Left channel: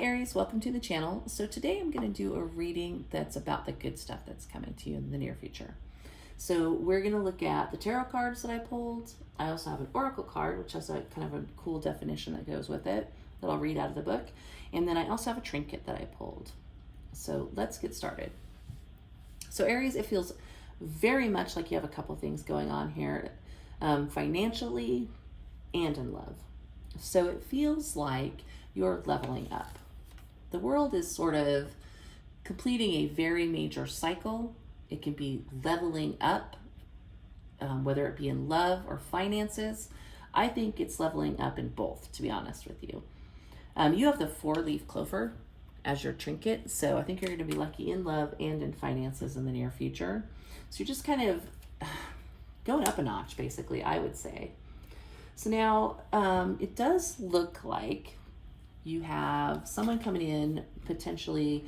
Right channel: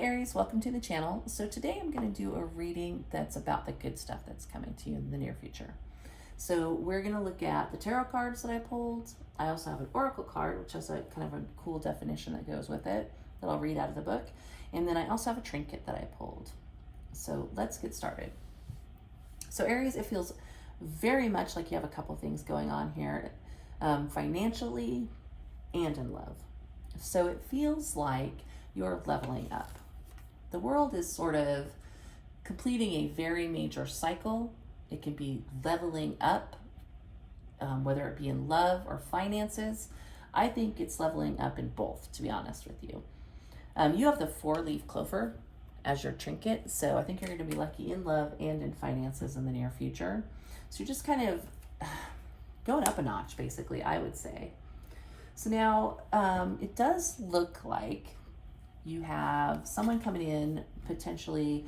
Aries, welcome to the channel. So today I'm going to do a reading that's about the good stuff that's coming to you in the near future. So we're going to look at the tarot cards that I pulled. I also have an oracle card, which has a kind of a cool definition that goes with it that I'll read out of the book. And then I also have a trinket that I pulled. So let's get started. So Aries, it feels very much like you have a couple things going on here, financially and in love. So it feels like you're leveling up. The world is sort of completing a very major cycle. It can be leveling up, whether it be in love or finances. I think it's leveling up in both, to be honest with you. You have the 4-leaf clover as your trinket, so I think you're going to be lucky in love and in finances in the near future. So you're just kind of going up a notch, basically, I would say. So now it does look like you have someone coming in potentially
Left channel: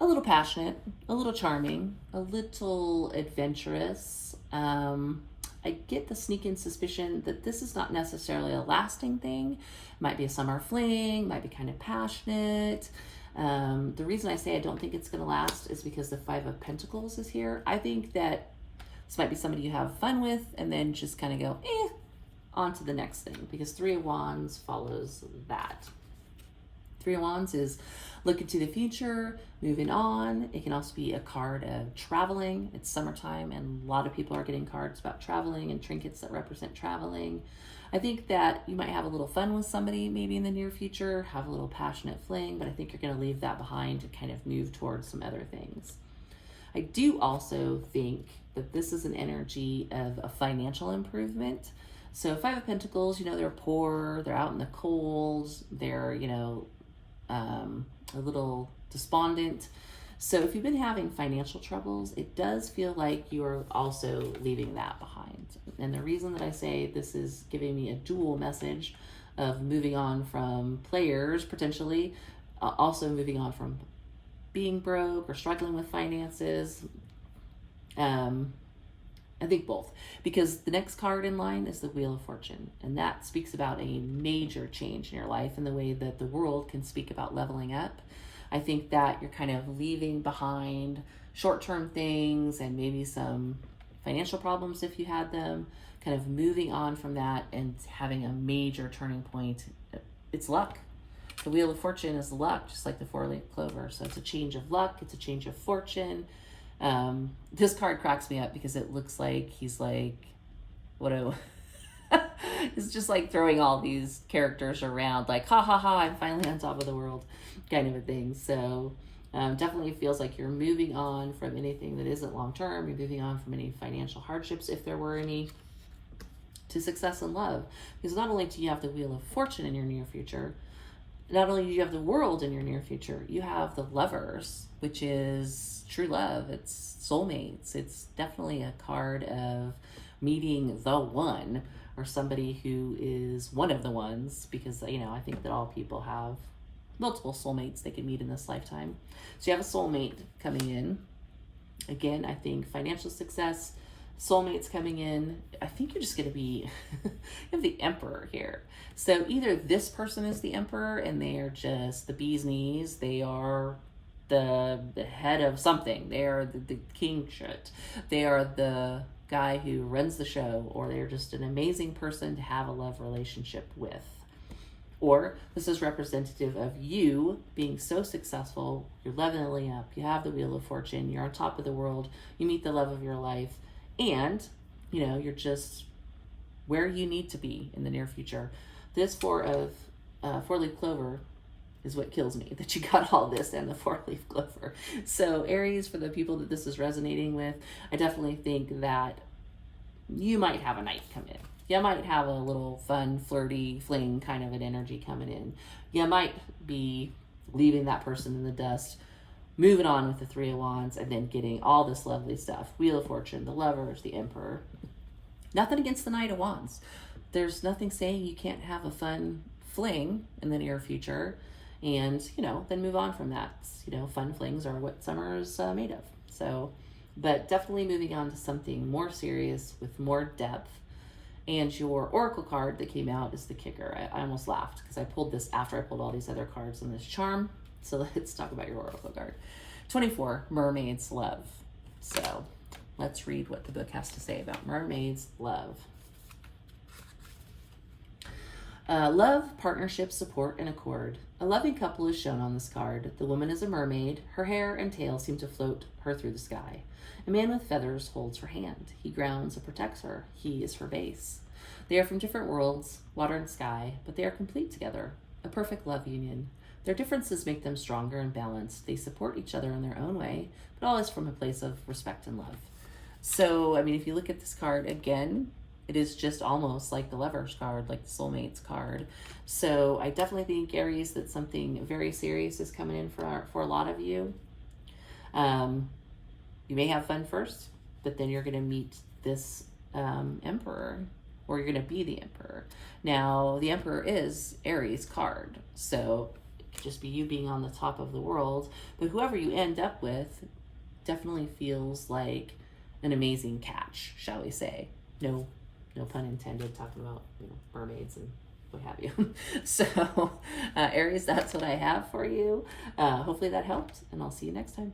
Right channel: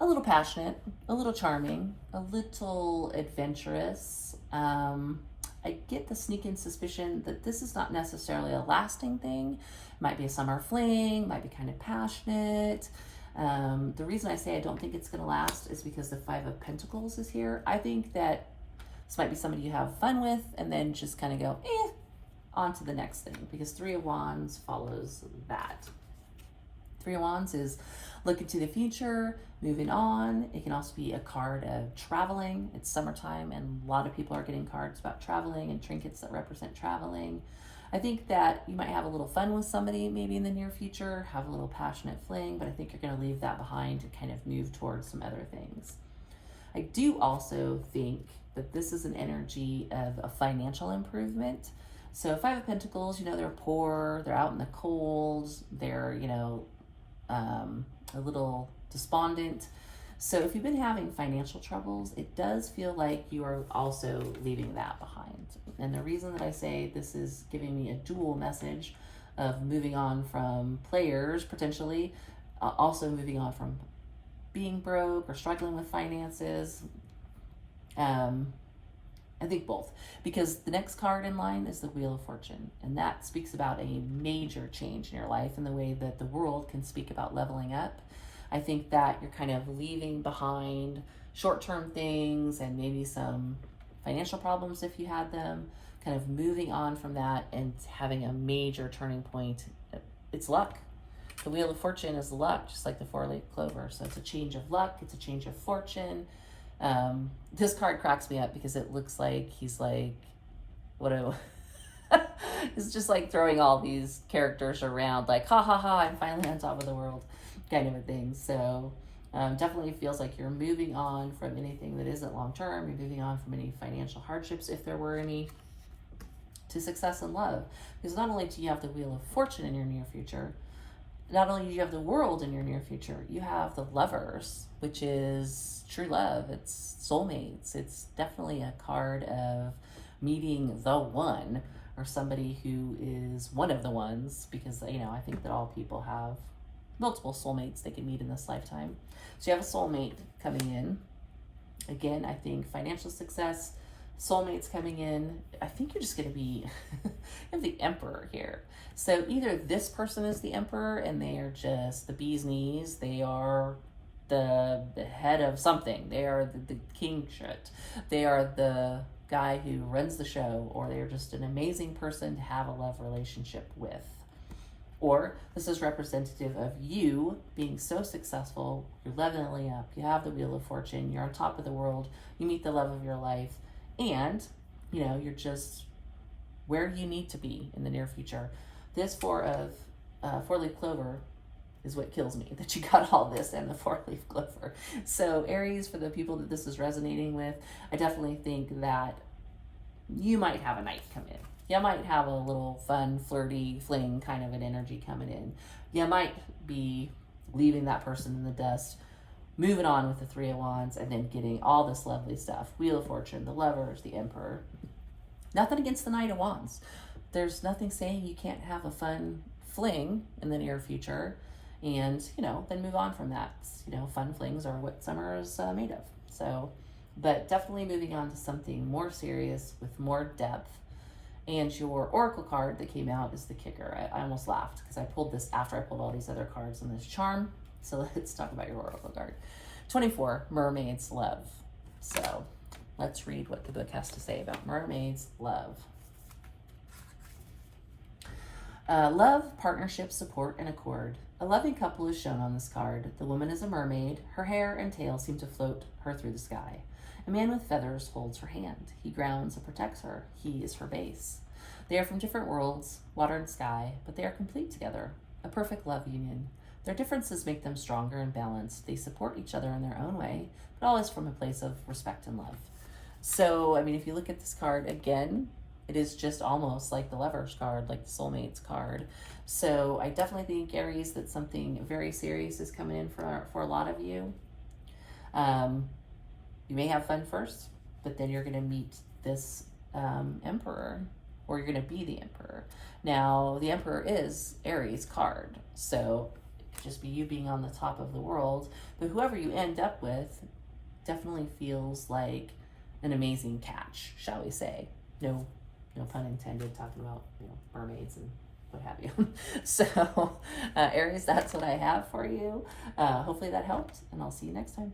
a little passionate, a little charming, a little adventurous. I get the sneaking suspicion that this is not necessarily a lasting thing. It might be a summer fling, might be kind of passionate. The reason I say I don't think it's going to last is because the 5 of Pentacles is here. I think that this might be somebody you have fun with and then just kind of go, on to the next thing, because 3 of Wands follows that. 3 of Wands is looking to the future, moving on. It can also be a card of traveling. It's summertime and a lot of people are getting cards about traveling and trinkets that represent traveling. I think that you might have a little fun with somebody maybe in the near future, have a little passionate fling, but I think you're going to leave that behind and kind of move towards some other things. I do also think that this is an energy of a financial improvement. So 5 of Pentacles, you know, they're poor, they're out in the cold, they're, you know, a little despondent. So if you've been having financial troubles, it does feel like you are also leaving that behind. And the reason that I say this is giving me a dual message of moving on from players, potentially, also moving on from being broke or struggling with finances. I think both, because the next card in line is the Wheel of Fortune, and that speaks about a major change in your life and the way that the world can speak about leveling up. I think that you're kind of leaving behind short-term things and maybe some financial problems if you had them, kind of moving on from that and having a major turning point. It's luck. The Wheel of Fortune is luck, just like the 4-leaf clover. So it's a change of luck, it's a change of fortune. This card cracks me up because it looks like he's like, it's just like throwing all these characters around, like, ha ha ha, I'm finally on top of the world, kind of a thing. So definitely feels like you're moving on from anything that isn't long-term. You're moving on from any financial hardships, if there were any, to success in love. Because not only do you have the Wheel of Fortune in your near future, not only do you have the World in your near future, you have the Lovers, which is true love. It's soulmates. It's definitely a card of meeting the one, or somebody who is one of the ones, because, you know, I think that all people have multiple soulmates they can meet in this lifetime. So you have a soulmate coming in. Again, I think financial success, soulmates coming in. I think you're just going to be you have the Emperor here. So either this person is the Emperor and they are just the bee's knees, they are the head of something, they are the king shit, they are the guy who runs the show, or they're just an amazing person to have a love relationship with. Or this is representative of you being so successful, you're leveling up, you have the Wheel of Fortune, you're on top of the world, you meet the love of your life, and, you know, you're just where you need to be in the near future. This 4-leaf clover is what kills me, that you got all this and the 4-leaf clover. So Aries, for the people that this is resonating with, I definitely think that you might have a knight come in. You might have a little fun, flirty, fling kind of an energy coming in. You might be leaving that person in the dust, moving on with the 3 of Wands, and then getting all this lovely stuff. Wheel of Fortune, the Lovers, the Emperor. Nothing against the Knight of Wands. There's nothing saying you can't have a fun fling in the near future and, you know, then move on from that. You know, fun flings are what summer is made of. So, but definitely moving on to something more serious with more depth And your oracle card that came out is the kicker. I almost laughed because I pulled this after I pulled all these other cards on this charm. So let's talk about your oracle card. 24, Mermaid's Love. So let's read what the book has to say about mermaids' love. Love, partnership, support, and accord. A loving couple is shown on this card. The woman is a mermaid. Her hair and tail seem to float her through the sky. A man with feathers holds her hand. He grounds and protects her. He is her base. They are from different worlds, water and sky, but they are complete together. A perfect love union. Their differences make them stronger and balanced. They support each other in their own way, but always from a place of respect and love. So, I mean, if you look at this card again, it is just almost like the Lover's card, like the Soulmates card. So I definitely think, Aries, that something very serious is coming in for a lot of you. You may have fun first, but then you're going to meet this Emperor, or you're going to be the Emperor. Now, the Emperor is Aries card, so it could just be you being on the top of the world, but whoever you end up with definitely feels like an amazing catch, shall we say. No pun intended, talking about, you know, mermaids and what have you. So, Aries, that's what I have for you. Hopefully that helped, and I'll see you next time.